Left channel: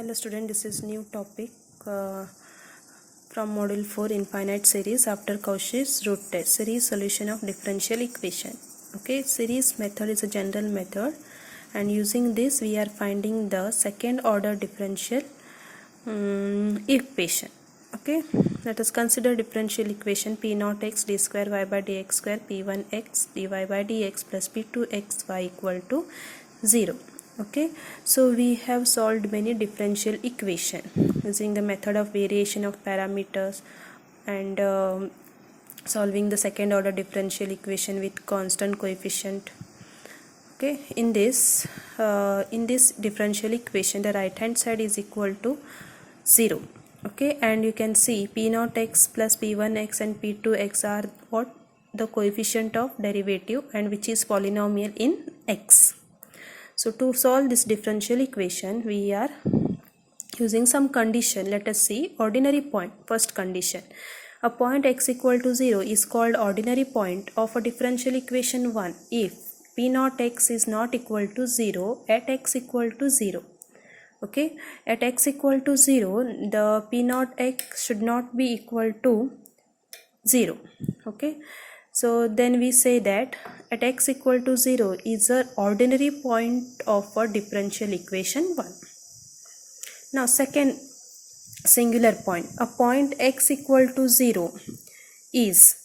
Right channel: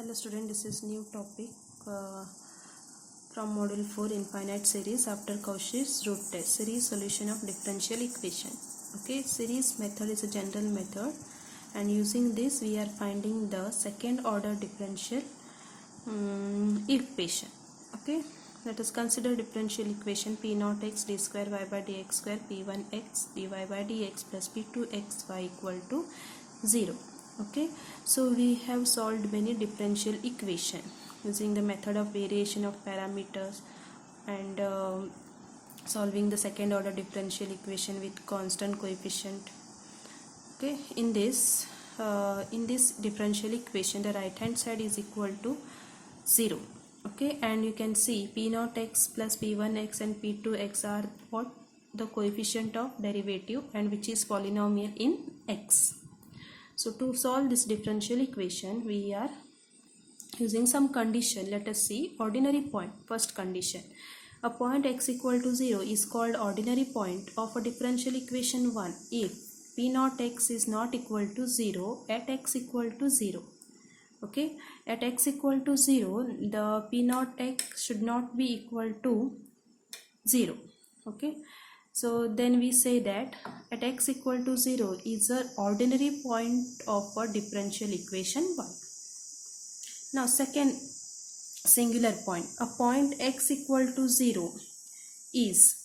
Hello student, this is new topic from module 4 infinite series after Cauchy's root test series solution of differential equation. Okay, series method is a general method and using this we are finding the second order differential equation. Okay, let us consider differential equation p naught x d square y by dx square p1 x dy by dx plus p2 x y equal to 0. Okay, so we have solved many differential equation using the method of variation of parameters and solving the second order differential equation with constant coefficient. Okay, in this differential equation the right hand side is equal to 0. Okay, and you can see p naught x plus p1 x and p2 x are what the coefficient of derivative and which is polynomial in x. So to solve this differential equation we are using some condition. Let us see ordinary point. First condition, a point x equal to 0 is called ordinary point of a differential equation 1 if p naught x is not equal to 0 at x equal to 0. Okay, at x equal to 0 the p naught x should not be equal to 0. Okay, so then we say that at x equal to 0 is an ordinary point of a differential equation 1. Now second singular point, a point x equal to 0 is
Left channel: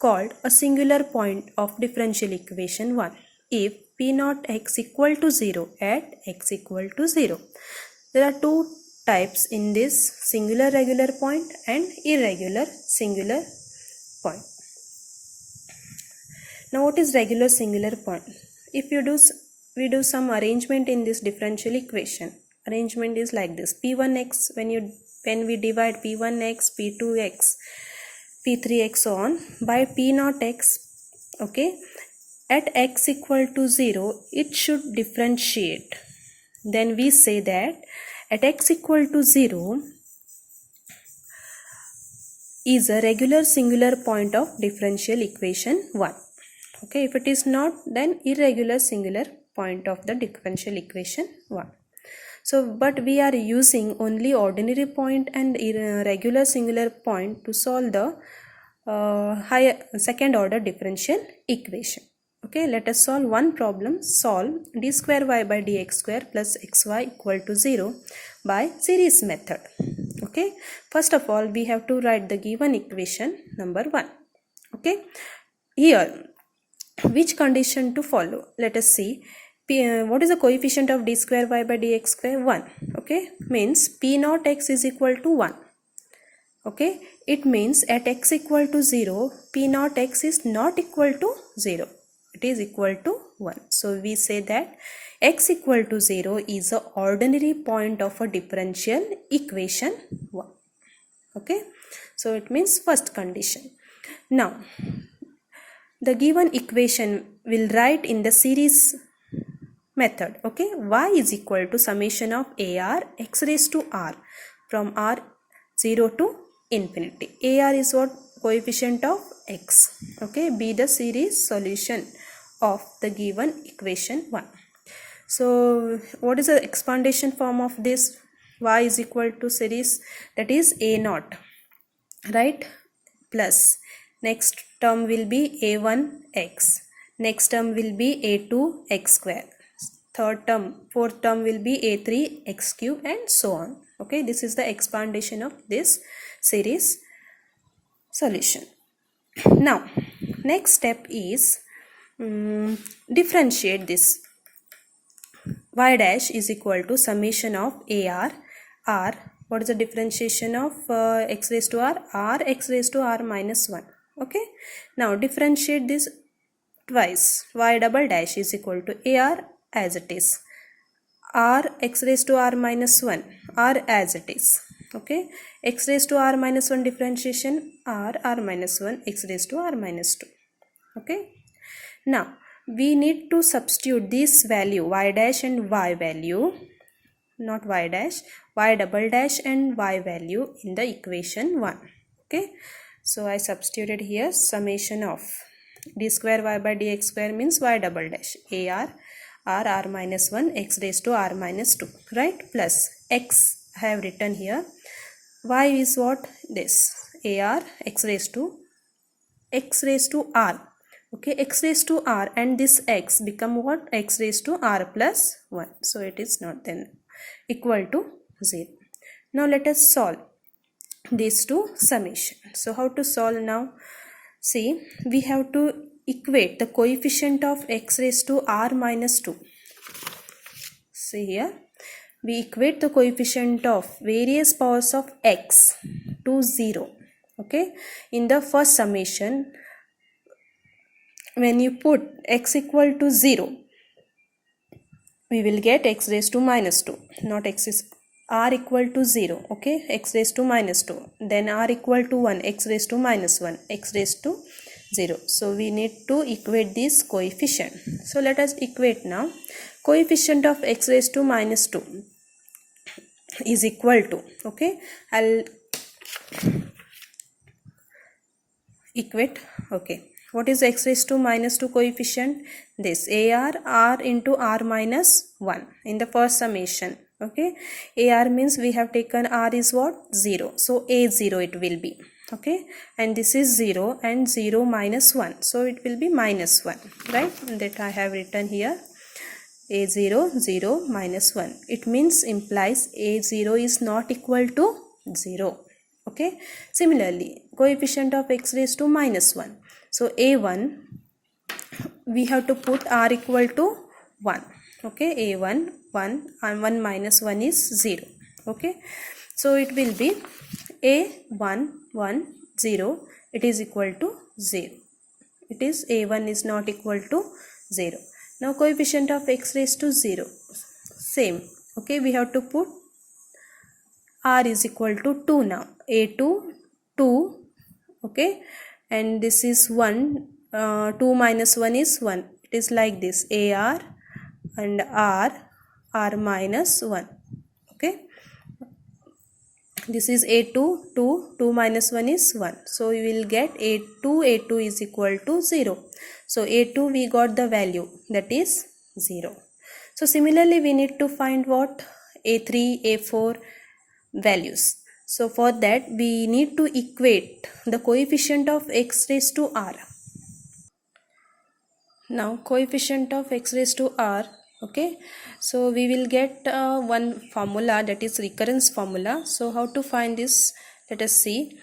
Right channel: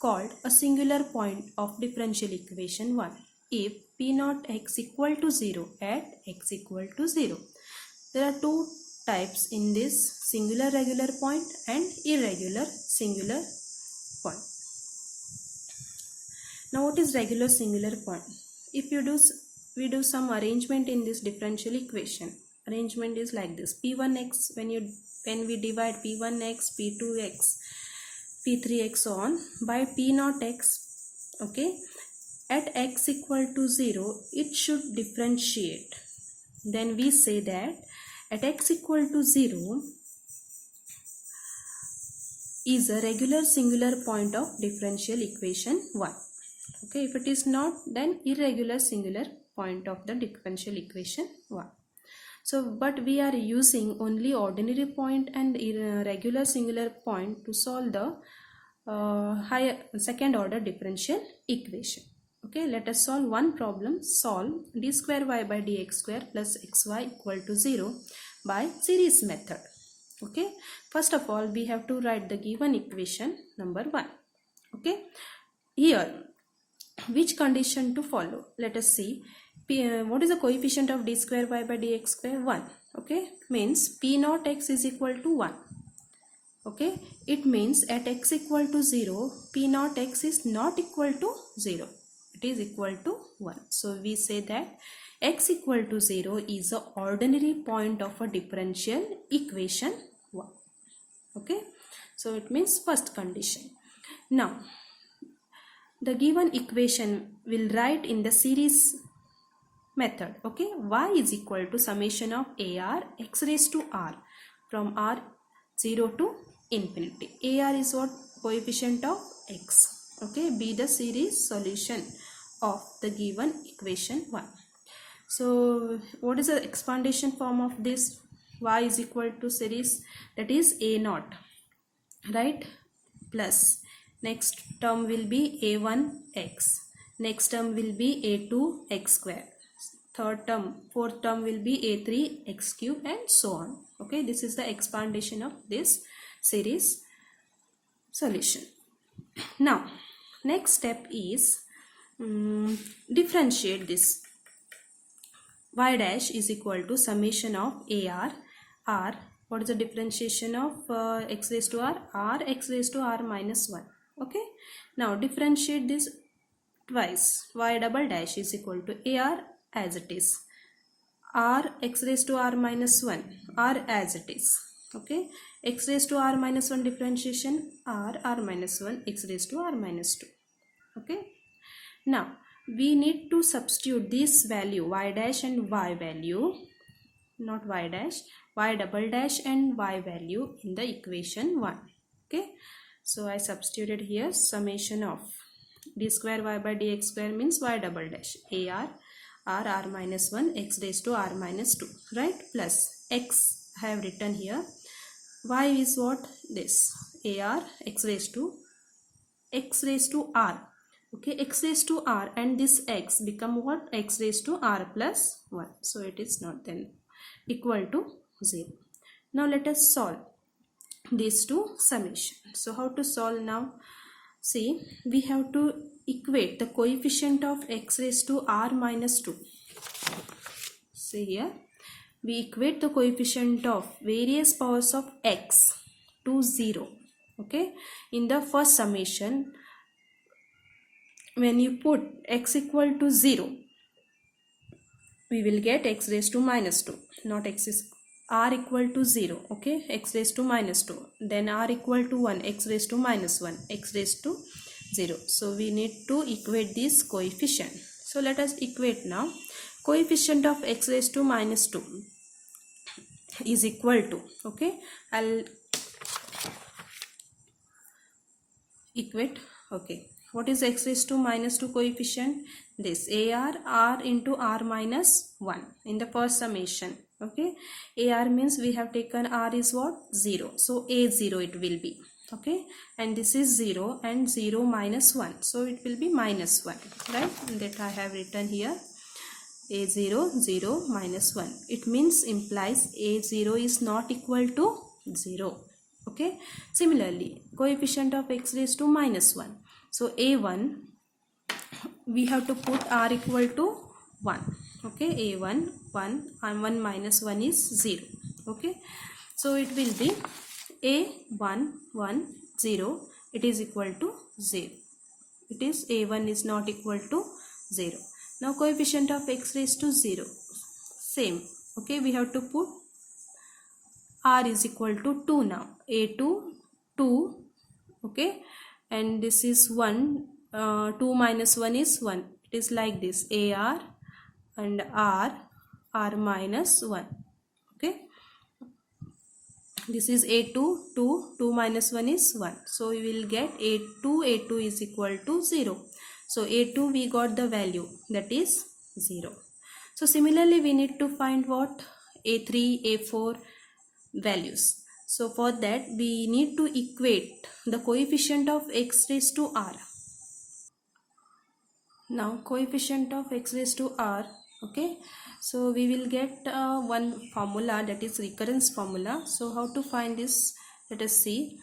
called a singular point of differential equation 1 if p naught x equal to 0 at x equal to 0. There are two types in this, singular regular point and irregular singular point. Now what is regular singular point? If we do some arrangement in this differential equation. Arrangement is like this: p1x, when we divide p1x, p2x, p3x so on by p naught x, okay, at x equal to 0 it should differentiate. Then we say that at x equal to 0 is a regular singular point of differential equation 1. Okay, if it is not, then irregular singular point of the differential equation 1. So, but we are using only ordinary point and irregular singular point to solve the higher second order differential equation. Okay, let us solve one problem. Solve d square y by dx square plus xy equal to 0 by series method. Okay, first of all we have to write the given equation number 1. Okay, here which condition to follow? Let us see. What is the coefficient of d square y by dx square? 1. Okay, means p naught x is equal to 1. Okay, it means at x equal to 0 p naught x is not equal to 0, it is equal to 1. So we say that x equal to 0 is the ordinary point of a differential equation 1. Okay, so it means first condition. Now the given equation will write in the series method. Okay, y is equal to summation of ar x raised to r from r 0 to infinity. Ar is what? Coefficient of x. Okay, be the series solution of the given equation 1. So what is the expandation form of this? Y is equal to series, that is a naught, right, plus next term will be a1x, next term will be a2x square, fourth term will be a3x cube and so on. Okay, this is the expandation of this series solution. Now next step is differentiate this. Y dash is equal to summation of ar r. What is the differentiation of x raised to r x raised to r minus 1. Okay, now differentiate this twice. Y double dash is equal to ar as it is, r x raised to r minus 1 r as it is. Okay, x raised to r minus 1 differentiation r minus 1 x raised to r minus 2. Okay, now we need to substitute this value y dash and y value, not y dash, y double dash and y value in the equation 1. Okay, so I substituted here summation of d square y by dx square means y double dash ar r minus 1 x raised to r minus 2, right, plus x I have written here. Y is what? This AR x raised to r. Okay, x raised to r, and this x become what? X raised to r plus 1. So it is not then equal to 0. Now let us solve these two summation. So how to solve now? See, we have to equate the coefficient of x raised to r minus 2. See here, we equate the coefficient of various powers of x to 0. Okay, in the first summation, when you put x equal to 0, we will get x raised to minus 2, not x is r equal to 0. Okay, x raised to minus 2, then r equal to 1, x raised to minus 1, x raised to 0. So we need to equate this coefficient. So let us equate now. Coefficient of x raised to minus 2 is equal to, okay, I'll equate. Okay, what is x raised to minus 2 coefficient? This r into r minus 1 in the first summation. Okay, ar means we have taken r is what? 0. So a0 it will be. Okay, and this is 0 and 0 minus 1. So it will be minus 1, right? That I have written here. A0, 0, minus 1. It means implies A0 is not equal to 0. Okay. Similarly, coefficient of x raised to minus 1. So A1, we have to put r equal to 1. Okay. A1, 1 and 1 minus 1 is 0. Okay. So it will be A1, 1, 0. It is equal to 0. It is A1 is not equal to 0. Now coefficient of x raised to 0, same. Okay, we have to put r is equal to 2 now. A2, 2, okay, and this is 1, 2 minus 1 is 1. It is like this, AR and r minus 1, okay. This is A2, 2, 2 minus 1 is 1. So we will get A2 is equal to 0. So A2 we got the value, that is 0. So similarly we need to find what? A3, A4 values. So for that we need to equate the coefficient of x raised to r. Now coefficient of x raised to r, okay. So we will get one formula, that is recurrence formula. So how to find this? Let us see.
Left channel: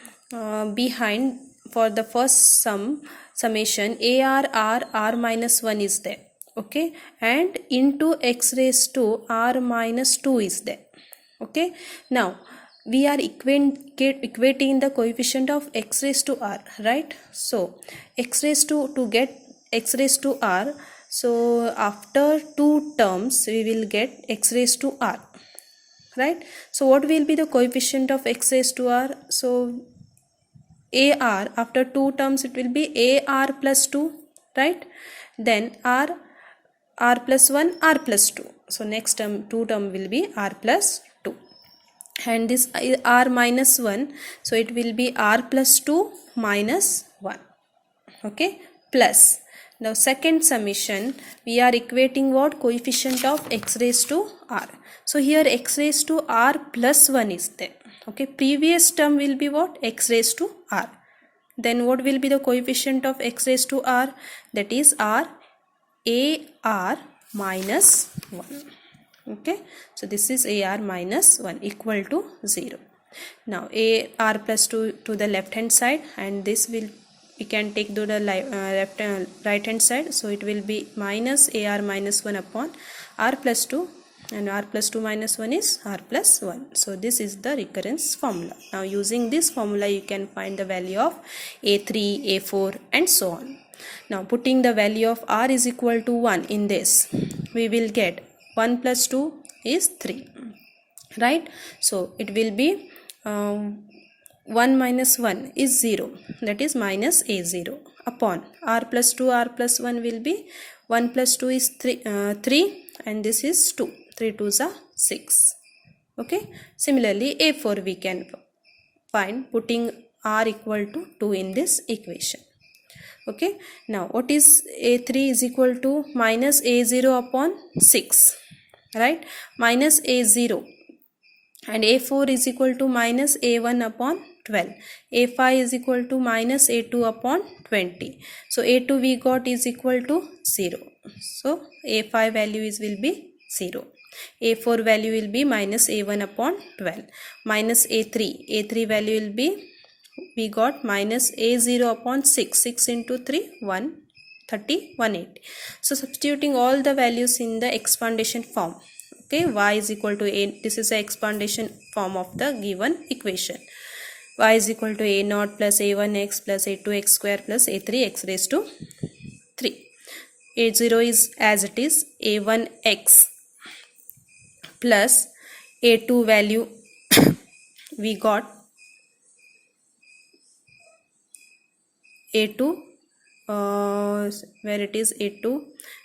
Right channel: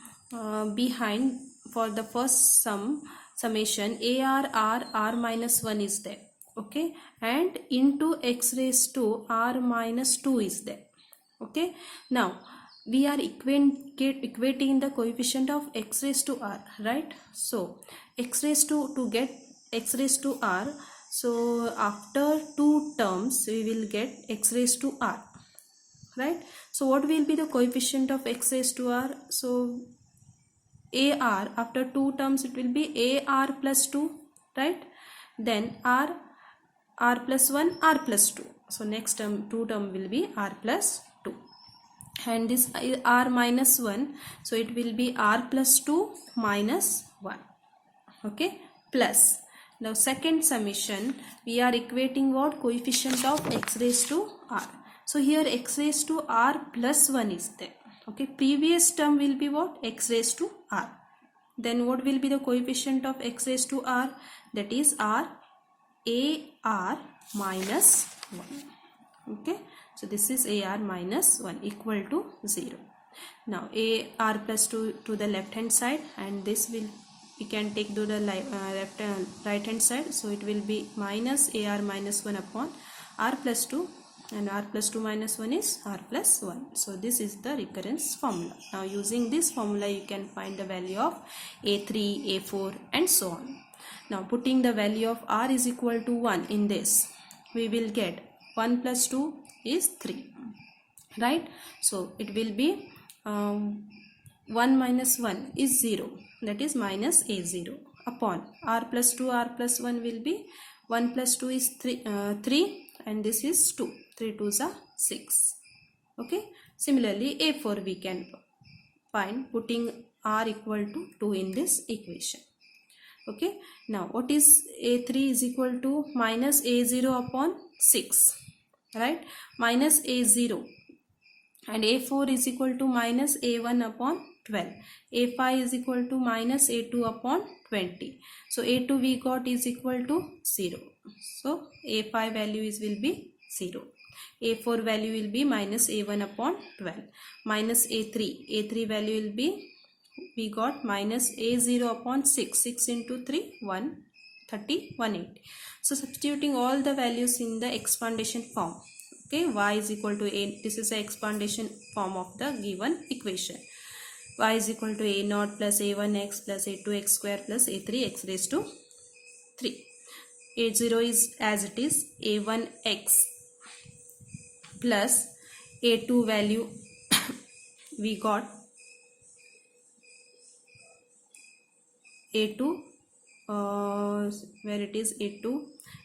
Behind, for the first summation, r minus 1 is there, okay, and into x raised to r minus 2 is there, okay. Now we are equating the coefficient of x raised to r, right? So x raised to get x raised to r, so after two terms we will get x raised to r, right? So what will be the coefficient of x raised to r? So AR, after two terms it will be AR plus 2, right? Then R plus 1, R plus 2. So next term, two term will be R plus 2. And this R minus 1, so it will be R plus 2 minus 1. Okay, plus. Now second summation, we are equating what? Coefficient of x raised to r. So here x raised to r plus 1 is there. Okay, previous term will be what? X raised to r. Then what will be the coefficient of x raised to r? That is r minus 1. Okay, so this is AR minus 1 equal to 0. Now AR plus 2 to the left hand side, and this will we can take to the right hand side. So it will be minus AR minus 1 upon R plus 2, and R plus 2 minus 1 is R plus 1. So this is the recurrence formula. Now using this formula you can find the value of A3, A4 and so on. Now putting the value of R is equal to 1 in this, we will get 1 plus 2 is 3, right? So it will be 1 minus 1 is 0, that is minus A0 upon R plus 2, R plus 1 will be 1 plus 2 is 3 and this is 2, 3 2s are 6. Okay, similarly A4 we can find putting R equal to 2 in this equation. Okay, now what is A3 is equal to minus A0 upon 6, right? Minus A0 and a4 is equal to minus a1 upon 12, a5 is equal to minus a2 upon 20. So a2 we got is equal to 0, so a5 value is will be 0, a4 value will be minus a1 upon 12, minus a3 value will be, we got minus a0 upon 6, 6 into 3 130 180. So substituting all the values in the expandation form, okay, y is equal to a, this is the expandation form of the given equation, y is equal to a naught plus a1x plus a2x square plus a3x raised to 3. a0 is as it is, a1x plus a2 value we got a2 where it is a2,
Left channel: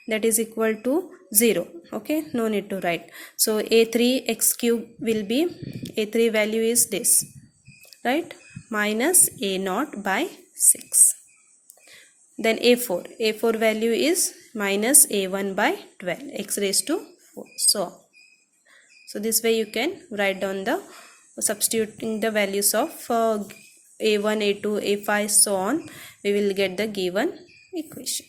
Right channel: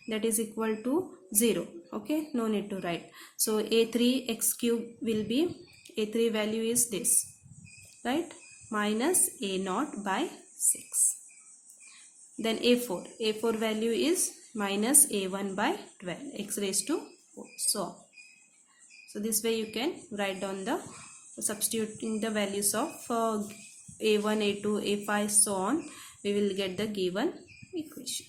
that is equal to 0, okay, no need to write. So a3 x cube will be, a3 value is this, right, minus a naught by 6. Then a4 value is minus a1 by 12 x raised to 4, so on. So this way you can write down the, substituting the values of a1, a2, a5, so on, we will get the given equation.